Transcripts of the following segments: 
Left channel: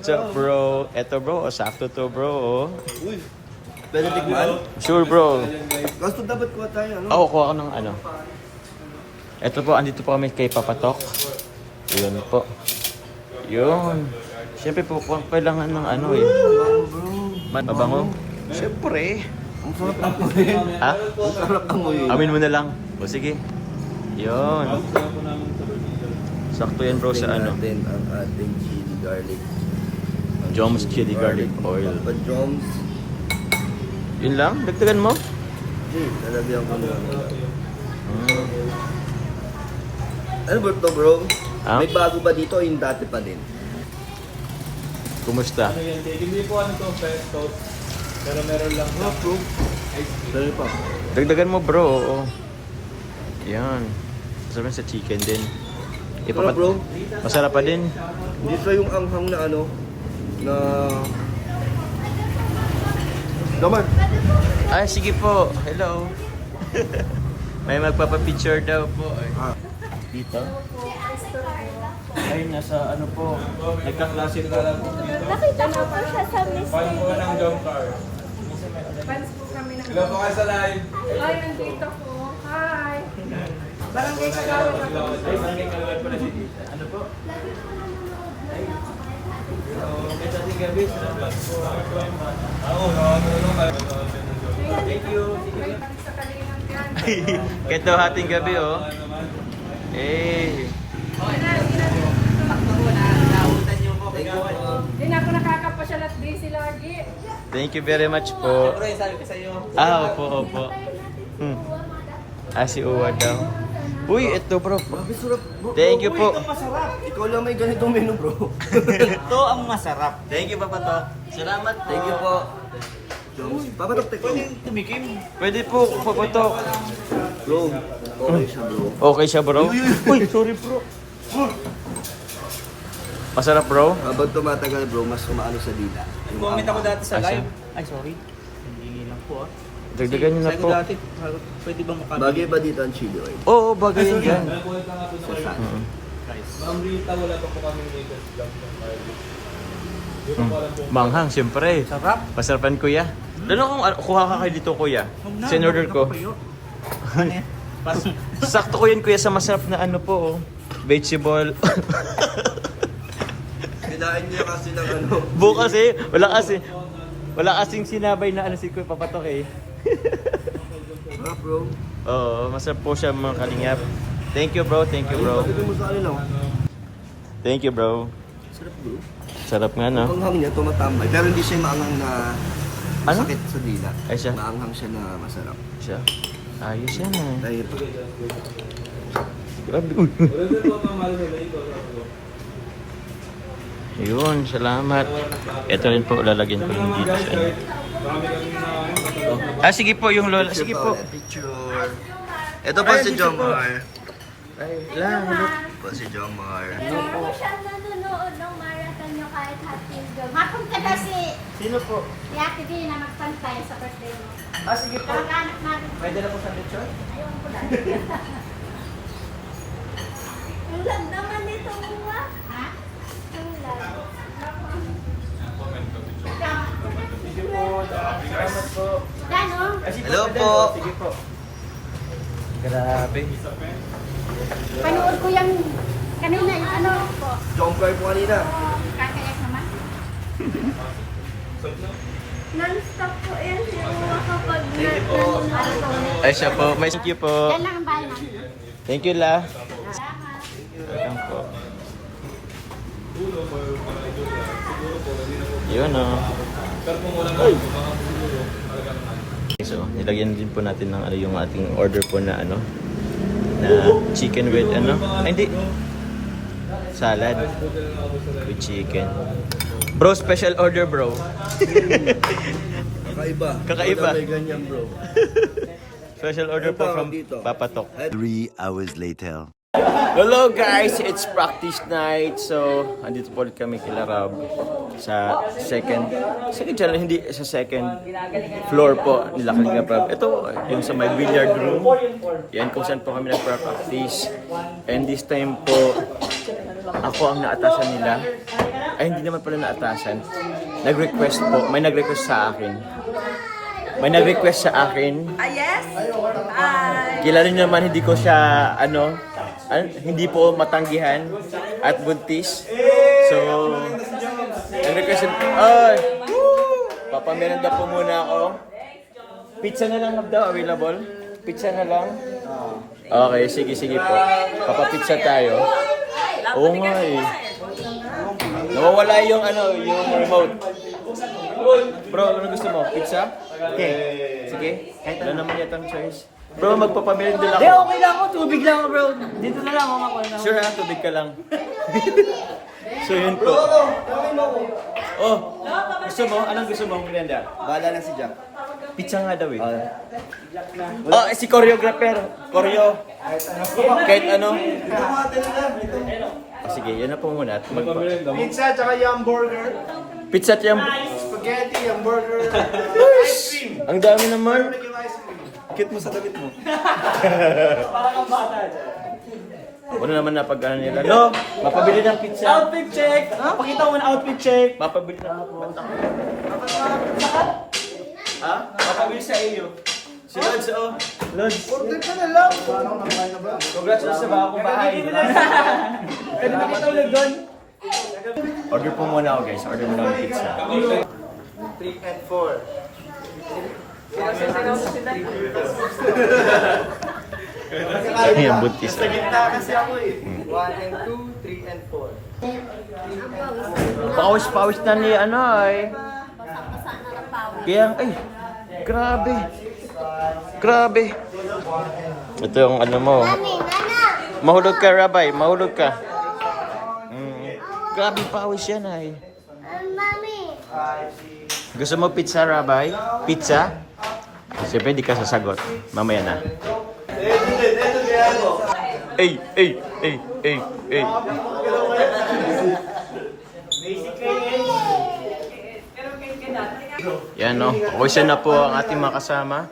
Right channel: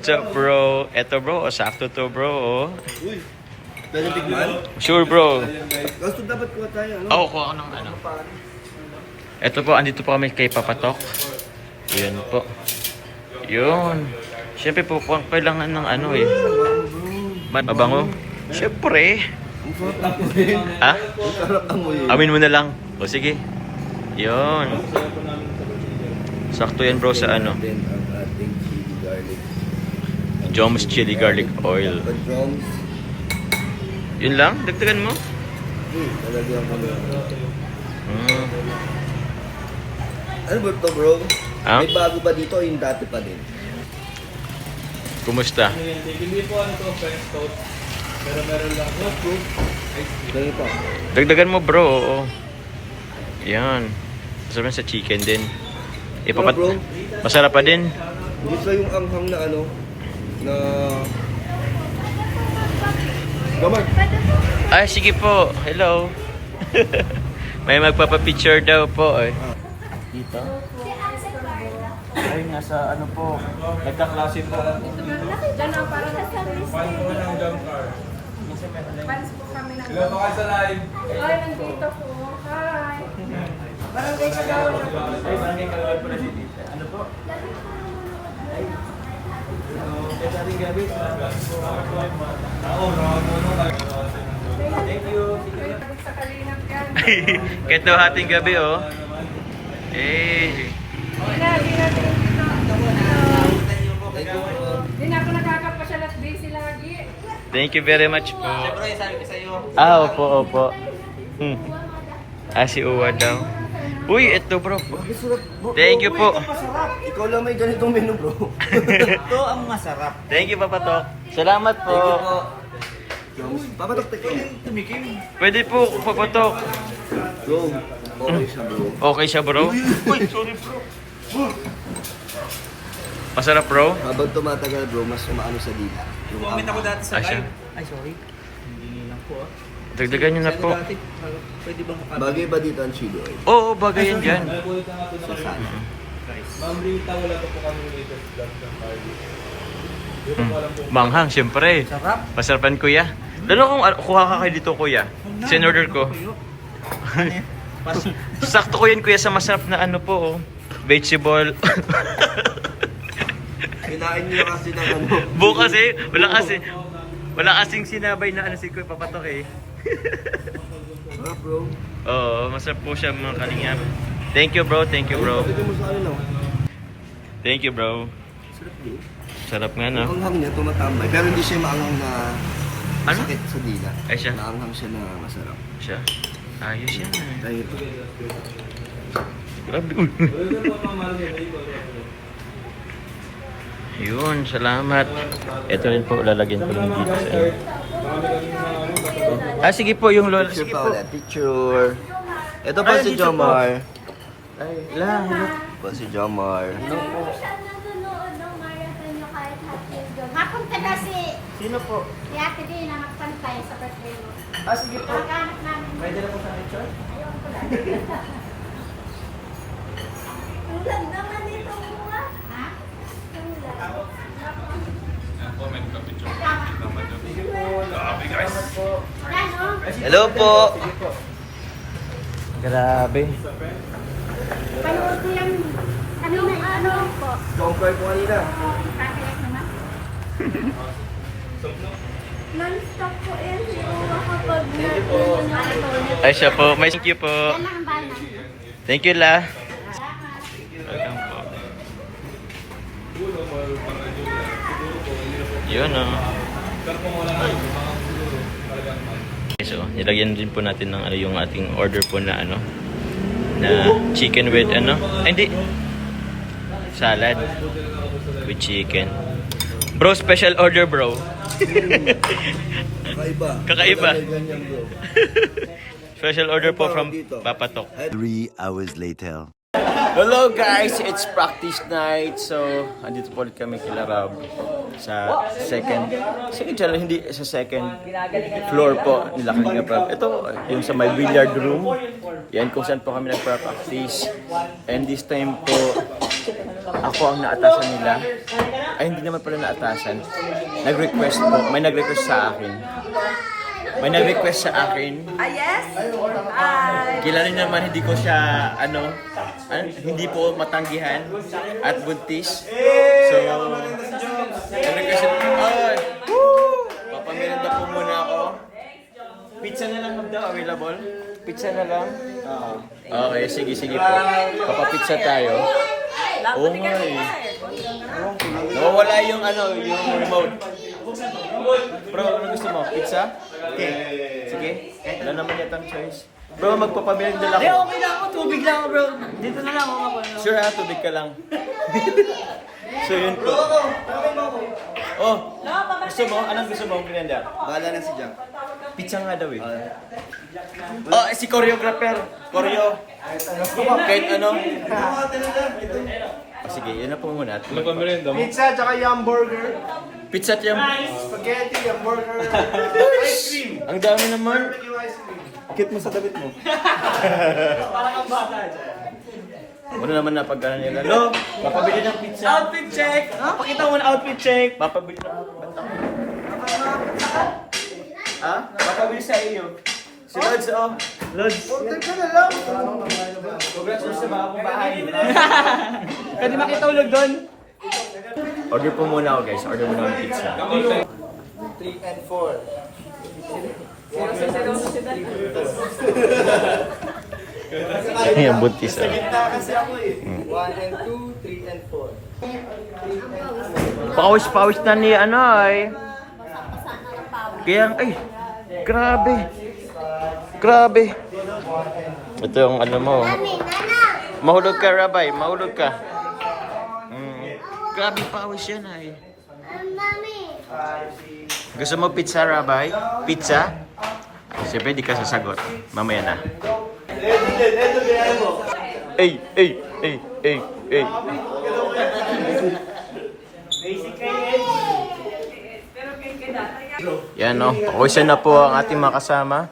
What's up, bro? Eto, bro. Oh, sakto to, bro. Oh. Uy, pwede tigman? Sure, bro. Gusto dapat kuha tayo, ano? Oo, kuha ko ng ano. Eto po, andito po kami kay Papatok. Yun po. Yun. Siyempre po, kailangan ng ano eh. Mabango? Siyempre. Ang sarap amoy. Ha? Ang sarap amoy. Amin mo na lang. O sige. Yun. Sakto yan, bro, sa ano. Then ang ating chili garlic. Joms Chili Garlic Oil. Joms. Yun lang? Dagdagan mo? Lalagyan ko na. Hmm. Ano ba ito, bro? Ha? May bago ba dito o yung dati pa din? Kumusta? Hindi po ano to, French toast. Pero meron lang Sarap, bro. Dali pa. Dagdagan mo, bro. Oo. Yan. Masarap yan sa chicken din. Sarap, bro. Masarap pa din. Hindi sa yung anghang na ano, na... Gaman. Ay, sige po. Hello. May magpapapicture daw po. Eh. Dito? Ay, nasa ano po. nagkaklase na lang. Nakita ko po siya sa list. Fans po ng jump car. Fans po kami ng Ilan po kayo sa live? Ay, nandito po. Hi. Barangay Kagawad ako. Ay, barangay kalawad po na si Tita. Ano po? Ay. Kaya sa ating gabi, salamat po. Ako, nakakulo ka. Thank you. Sige. Sa kalinang yan. Kahit daw hating gabi, oh. Eh. Hindi na ako nakakapasyal at busy lagi. Thank you very much po. Opo, opo. Hmm. Si Uwa daw. Uy, ito bro. Grabe sarap, bro. Thank you po. Ikaw lang may ganitong menu, bro. Ito ang masarap. Thank you, Papatok. Salamat po. Thank you po. Joms. Papatok, ikaw. Tumikim. Pwede po, Papatok. Bro, okay siya, bro. Okay siya, bro? Uy, sorry, bro. Masarap, bro? Habang tumatagal, bro, mas umaano sa dila. Yung Comment ako anghang. dati sa Asya. live. Ay, sorry. Hindi lang po ah. Dagdagan nyo na po. Pwede bang mukha? Bagay ba dito ang chili oil? Oo, bagay yan dyan. Sa saan? Ma'am Rita, wala pa po kami latest vlog ng Carly. Hindi ko alam po. Manghang, siyempre. Sarap. Masarapan, kuya. Lalo kung kuha ka kayo dito, kuya. Sinorder ko. Sakto ko yan, kuya, sa masarap na ano po, oh. Vegetable. Kinain niyo kasi ng ano. Bukas eh, wala kasing sinabay na ano si Kuya Papatok eh. Sarap, bro. Oo, masarap po siya mga kalingap. Thank you bro, thank you bro. Pagdating mo sa ano, no? Thank you bro. Sarap, bro. Sarap nga Ang no. anghang niya, tumatambay. Pero hindi siya maanghang na Ano? sakit sa dila. Ay, siya? Maanghang siya na masarap. Siya. Ayos yan eh. Dahil pa. Grabe. Uy. Yun, salamat. Ito rin po, lalagyan ko rin dito sa ano. Sige po, yung lola. Picture Sige pa po. ulit. Picture. Ito po si Jomar. Po si Jomar. Ano po? Siya nanonood ng marathon nyo kahit happy job. Hapon ka kasi Sino po? si Ate Di na magpantay sa birthday mo. Sige po. Kamag-anak namin. May dala po sa lechon? Ayaw ko lang. Ang ganda man ito buwa. Ha? Ang ganda. Sige po. Salamat po. Yan o. Hello po. Sige po. Grabe. Panood ko yan kanina yung ano. Jomar po kanina. Kakayak naman. Non-stop po yan. Yung kapag Ay siya po. May thank you po. yan lang ang bahay namin. Thank you la. Salamat. Welcome po. Yun o. Okay, so, nilagyan din po natin ng ano, yung ating order po na ano na chicken with ano. Ay, hindi. Salad with chicken. Bro, special order bro. Kakaiba. Kakaiba. Wala may ganyan, bro. Special order po Ano from tawag dito? Papatok. 3 hours later. Hello guys, it's practice night. So, andito po ulit kami kila Rob sa second channel, hindi sa second floor po nila Kalinga Rob. Ito, yung sa my billiard room. Yan kung saan po kami nag-practice. And this time po, ako ang naatasan nila. ay hindi naman pala naatasan. Nag-request po, may nag-request sa akin. May nag-request sa akin. Yes? Kilala niyo naman, hindi ko siya, hindi po matanggihan at buntis. So, nag-request yung, papamerenda po muna ako. Pizza na lang daw, available? Pizza na lang? Okay, sige po. Papapizza tayo. Oo nga eh. Nawawala yung yung remote. Bro, ano gusto mo? Pizza? Sige. Wala naman yatang choice. Bro, magpapamerenda lang ako. Okay lang ako. Tubig lang ako, bro. Dito na lang ako. Sure ha, tubig ka lang. So yun po. Oh, gusto mo? Anong gusto mo? Merenda? Bahala na si Jack. Pizza nga daw eh. Oh, si choreographer. Choreo. Kahit ano. Oh, sige, yun na po muna. Magpamerenda mo? Pizza, tsaka yung burger. Pizza at yung... Spaghetti, yung burger. Ice cream. Ang dami naman. Yung ice cream. Cute mo sa damit mo. Wala naman na pag nila. Lo, mapabili ng pizza. Outfit check. Pakita mo na outfit check. Mapabili ng bantang. Ha? Mapabili sa iyo. Si Lods, oh. Lods. Order ka na lang. Congrats sa bagong bahay. Pwede makitulog doon. Order po muna ako guys. Order muna ng pizza. 3 and 4. Ayan, buntis ah. Gitna kasi ako eh. 1 and 2, 3 and 4. Pawis-pawis na ni ay. Kaya, ay, grabe. Grabe. Ito yung mo. Mahulog ka, Rabay. Mahulog ka. Grabe pawis yan ay. Mami. Gusto mo pizza, Rabay? Pizza? Siyempre, di ka sasagot. Mamaya na. Ay. Yan no, pawisan na po ang ating mga kasama.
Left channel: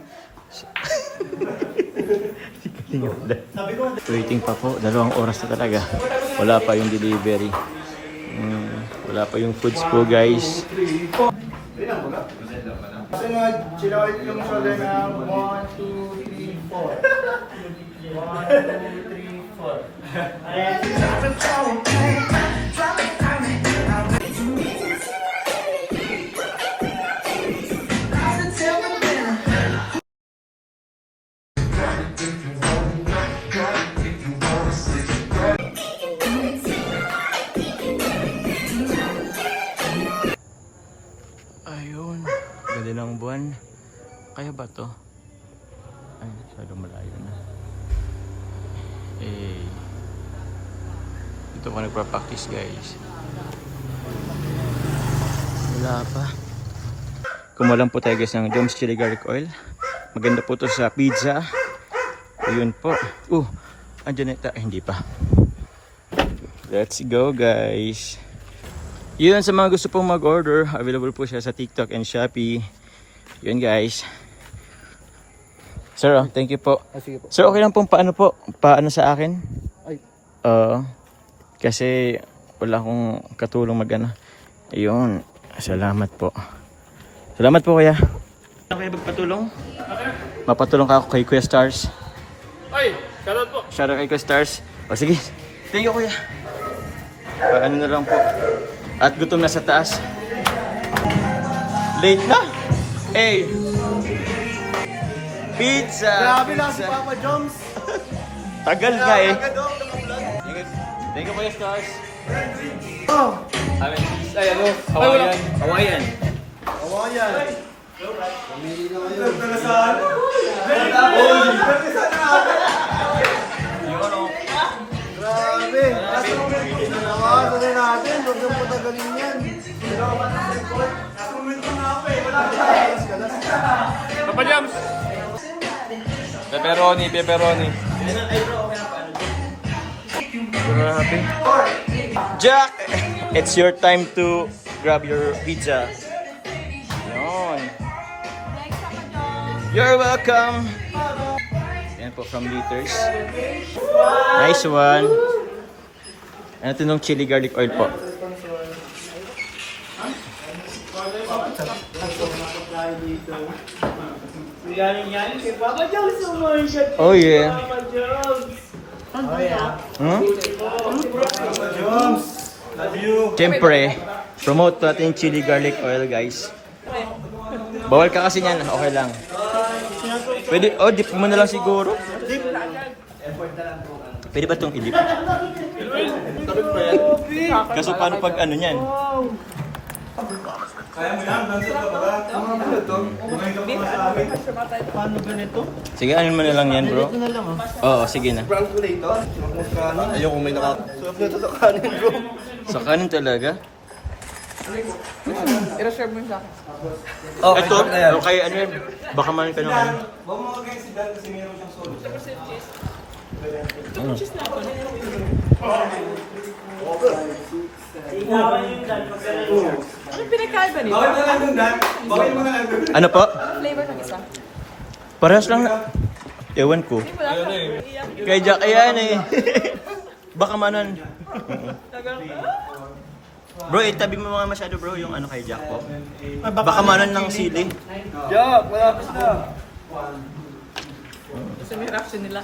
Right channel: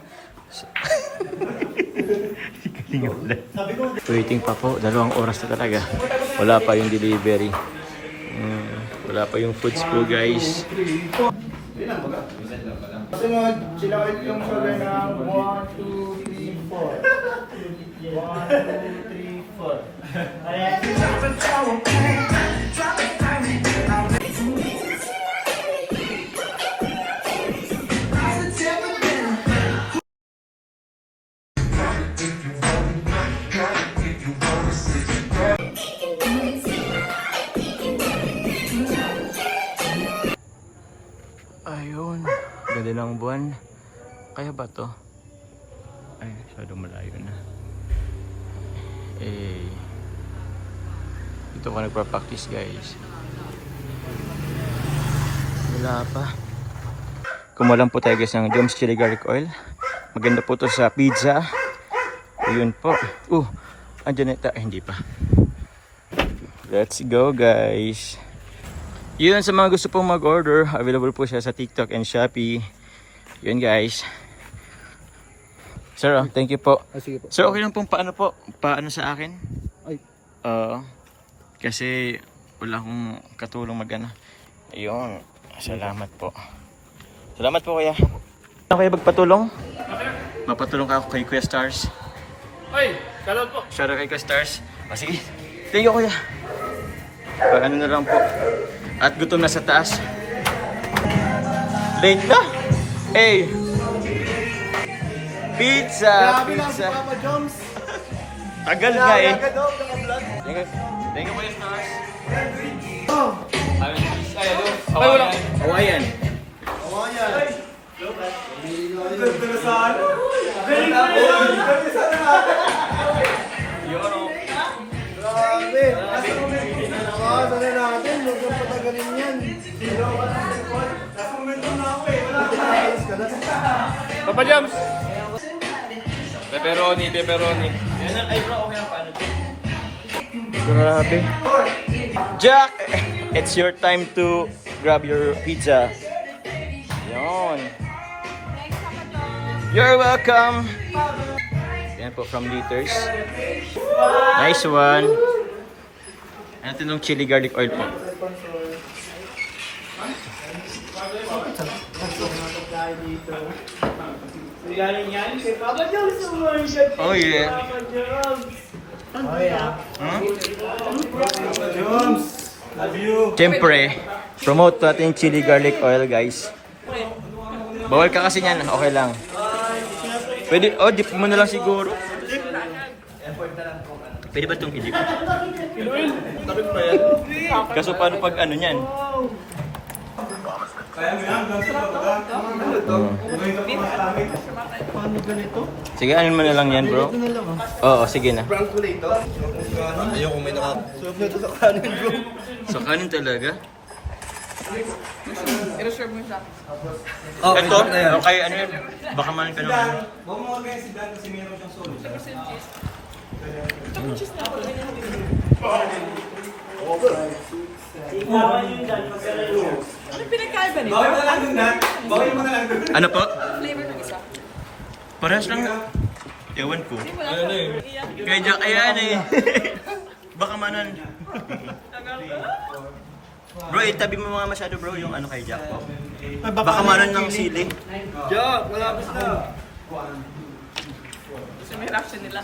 Waiting pa po, 2 oras na talaga. Wala pa yung delivery. Wala pa yung foods po guys. Sunod, sila ulit yung sugar na 1, 2, 3, 4. 1, 2, 3, 4. Ayun, ganda ng buwan. Kaya ba to? Ay, masyado malayo na. Dito ko nagpa-practice guys. Wala pa. Kumulang po tayo guys ng Joms Chili Garlic Oil. Maganda po to sa pizza. Ayun po. Andyan na hindi pa. Let's go guys. Yun sa mga gusto pong mag-order, available po siya sa TikTok and Shopee. Yun guys. Sir, thank you po. Sige po. Sir, okay lang pong paano sa akin? Ay. Kasi wala akong katulong mag-ano. Ayun. Salamat po. Salamat po kuya. Ako kayo magpatulong? Mapatulong ka ako kay Kuya Stars. Ay, shoutout po. Shoutout kay Kuya Stars. O sige. Thank you kuya. Ano na lang po. At gutom na sa taas. Late na. Hey. Pizza. Grabe lang si Pizza. Papa Joms. Tagal nga eh. Thank you Kuya Stars. Ay, wala. Hawaiian. Grabe. Sanay natin. Huwag yung patagalin yan. Papa Jams. Pepperoni. Grabe. Jack, it's your time to grab your pizza. Yon. You're welcome. Yan po from Liters. Nice one. Ito nung chili garlic oil po. tayo dito. Galing yan kay Papa Jones yung mga shot. Oh yeah. Papa Jones. Oh yeah. Hmm? Jones. Love you. Siyempre, promote natin yung chili garlic oil, guys. Bawal ka kasi niyan, okay lang. Pwede, oh, dip mo na lang siguro. Pwede ba itong i-dip? Kaso paano pag ano niyan? Kaya mo yan, ano to? Bumay ka pa sa amin. Paano ganito? Sige, ano mo na lang yan, bro? Oo, sige na. Ayoko may naka... Sarap na ito sa kanin, bro. Sa kanin talaga? Oh, Ito, okay, ano yan? Baka man tanong. Huwag mo kagaya si Dan kasi meron siyang solo. Ano pinagkaiba nito? Bakit mo na lang dun, Dan? Bakit mo na lang dun? Ano po? Flavor ng isa. Parehas lang. Ewan ko. Ano eh? Kaya Jack, ayan eh. Baka manan. Bro, itabi mo mga masyado bro yung ano kay Jack po. Baka manan ng sili. Jack, malapit na. Kasi may reaction nila.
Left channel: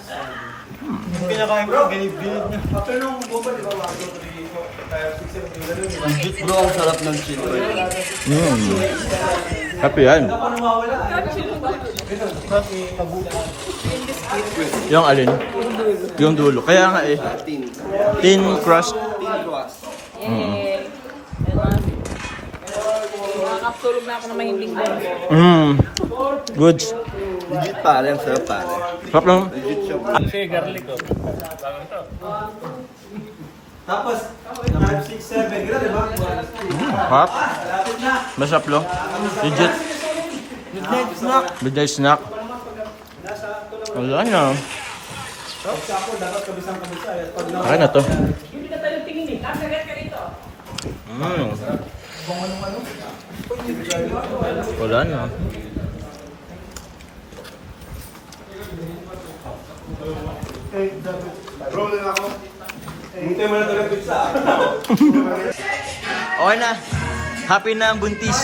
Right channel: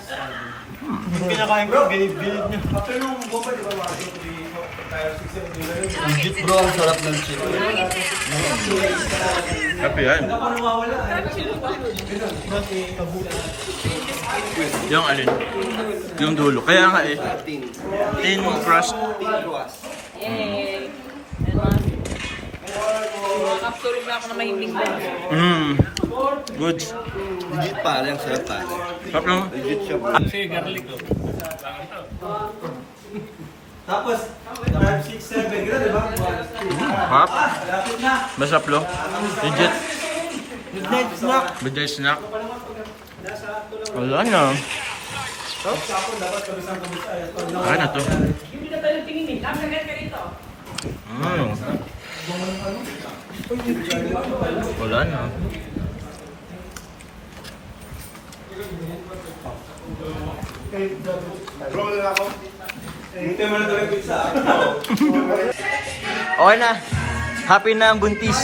Yung kinakain ko, ginid-ginid niya. Pero nung bomba, di ba wago? Tayo 6 Bro, ang sarap ng chili. Happy yan. Ako nawawala. Yung alin? Yung dulo. Kaya nga eh. Thin crust. Yay! Makakapsulog na ako na mahimbing din. Good. Legit pare, ang sarap pare. Sarap lang. Legit siya, bro. Tapos, 5, 6, 7, gano'n, di ba? Hap. Masarap lo. Legit. Midnight snack. Midnight snack. Wala na. Kaya na to. Wala na. Buti mo na talagang pizza. Okay na. Happy na ang buntis.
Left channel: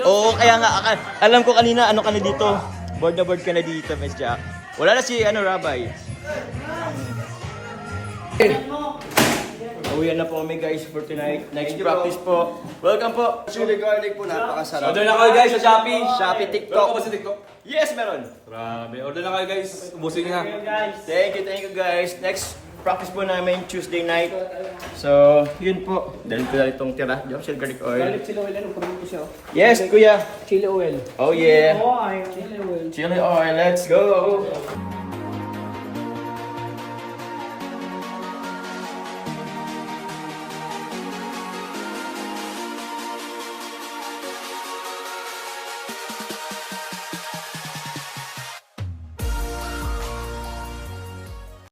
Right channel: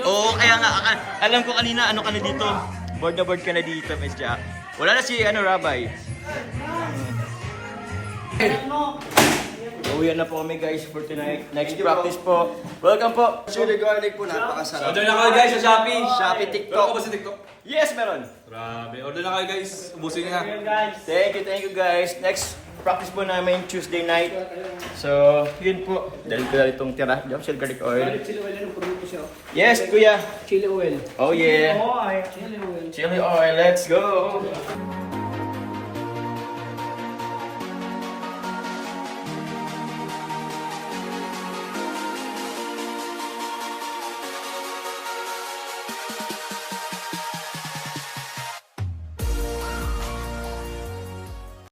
Oo, kaya nga. Alam ko kanina ano ka na dito. Board na board ka na dito, Miss Jack. Wala na si Rabay. Uwian na po kami guys for tonight. Next practice po. Welcome po. Chili garlic po, napakasarap. Order na kayo guys sa Shopee. Shopee, TikTok. Meron ka ba sa TikTok? Yes, meron. Grabe. Order na kayo guys. Ubusin nyo na. Thank you guys. Next practice po namin Tuesday night. So, yun po. Dahil ko na itong tira. Diyan, shell garlic oil. Yes, kuya. Chili oil. Oh yeah. Chili oil. Chili oil. Let's go.